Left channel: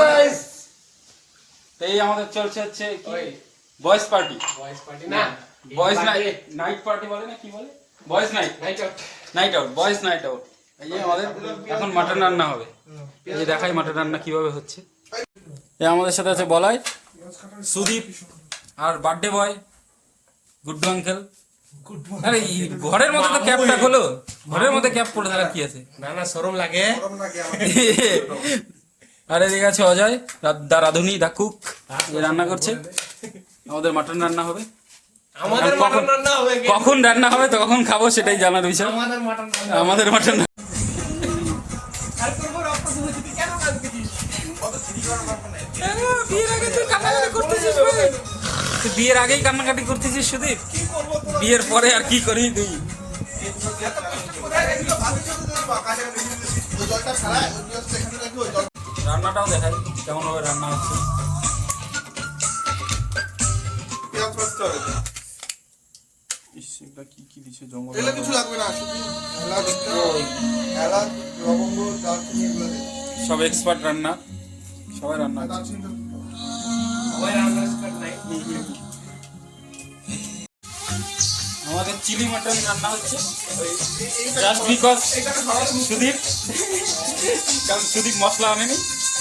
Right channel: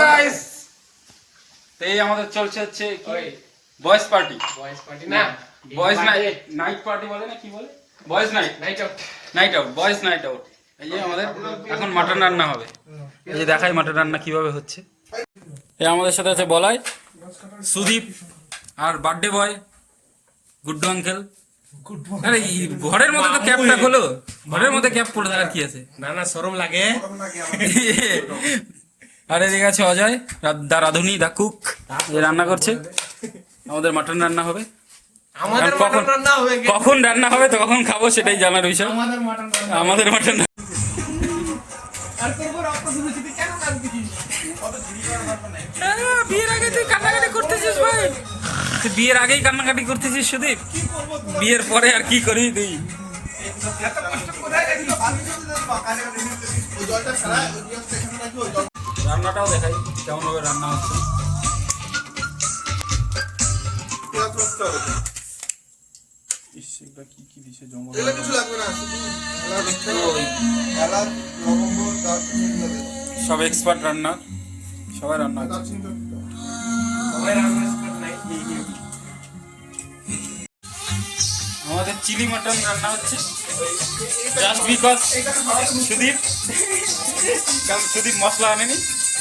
Guys, এই আমাদের চলছে হচ্ছে বয়েজ পার্টি না বয়েজ নাইট পার্টি বলে না কি বলে boys night out boys night out. এই যে আমাদের এখন মাটন রান্না হবে। এই যে দেখাই মাটন রান্না কিভাবে হচ্ছে। এই আমাদের সাথে আছে বলাই, সুদীপ আর বার্থডে বয় গুড্ডু আঙ্কেল। আরে ঘরের মধ্যে তো ক্যাপটা খোলো, ঘরের মধ্যে ক্যাপ পরে থাকার কি আছে? না শরম লাগে। আর এদিকে আছে অজয়, দা রাধুনি, দা কুক, যে রান্না করছে। আমাদের মাটন রান্না হবে। আমাদের মাটন রান্না হবে, কখন রান্না হবে তো কখন খাবো সেটাই জানার বিষয়। আমাদের মাটন বিয়ের আগে তুই কান্নাকাটি করতেছিস ভাই, তুই বিয়ের আগেই কান্নাকাটি করতেছিস সুদীপ, বিয়ের পরে আর কি করি তুই? রান্নাটাও দেখাই কেমন ভাবে রান্না হচ্ছে। সব এক্সপার্ট রান্না, সবাই রান্না। আমাদের চিলি মাটন রান্না হচ্ছে জাস্ট বিকজ সুদীপ, কারণ সুদীপ মশলা আনেনি,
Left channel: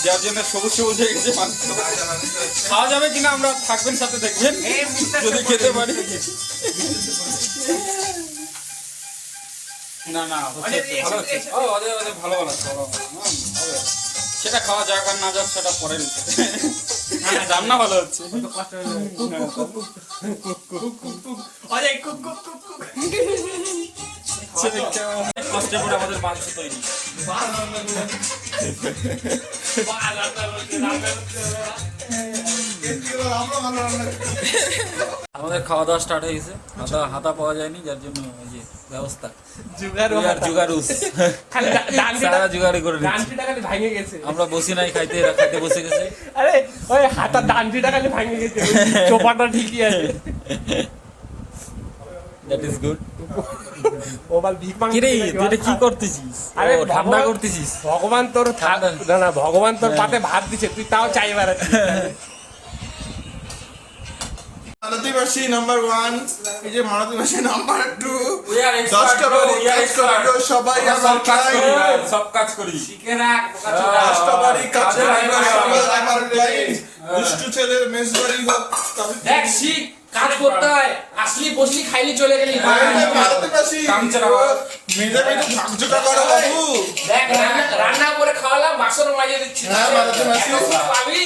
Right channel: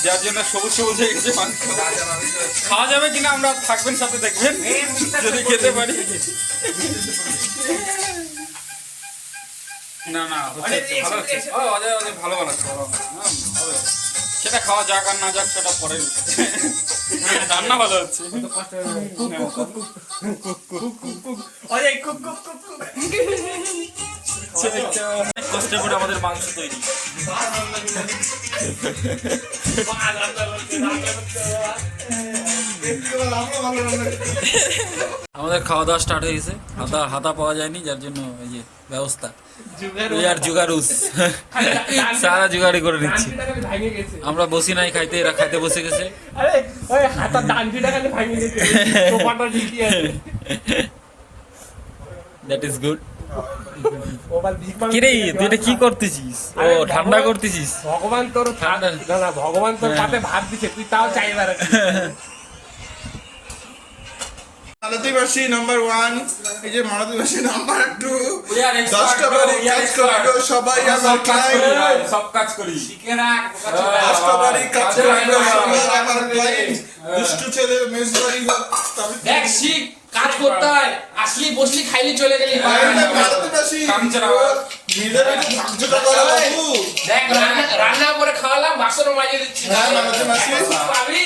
যার জন্য সবুজ সবুজ হয়ে গেছে মাংস। খাওয়া যাবে কিনা আমরা থাকবেন সাথে দেখবেন, যদি খেতে পারি। না না হচ্ছে ভালো হচ্ছে, ভালো বানাচ্ছে, হবে। সেটা খাওয়া যাক আর না যাক সেটা পরে, রান্না ভালো হচ্ছে। কষ্ট করে আমাদের মাংস তৈরি। আমাদের খাওয়া দাওয়া স্টার্ট হয়ে গেছে। হাতা পাওয়া যায়নি, যার জন্য এই যে ব্যবস্থা জুগারুস সারা জুগাড়ি করে নিচ্ছি। আমরা বসি নাই খাইতে, এরা খাইতে বসে গেছে। That is good. কিরে তুই এটা কি করতেছিস? ও ঠান্ডা করতেছিস? ভগবান তোর ঠান্ডা না, ভগবান তোর পাতে ভাত দিছে, তুই তাও চাইবার। মালতীবাসী নাম্বার 1, এই যে মালতীবাসী নাম্বার 2, 10টা বাড়ি কাজ করলো সবাই, আমার ক্লায়েন্ট সব কাজ করি, 10টা বাড়ি কাজ করলো সবাই, আমার ক্লায়েন্ট দুষ্টু ছেলে মেজবাড়ি হোক তবে দেখ শিখ কাজ করতে হয়, আসলি বসলি খাইলি চলে গেলি। মালতীবাসী মেজে মেজে ভাগজোটা করা বাবু। দেখ রান্না করে খাওয়ালাম, বাসন মাজিয়ে দিচ্ছি। হ্যাঁ মালতীবাসী পাবি।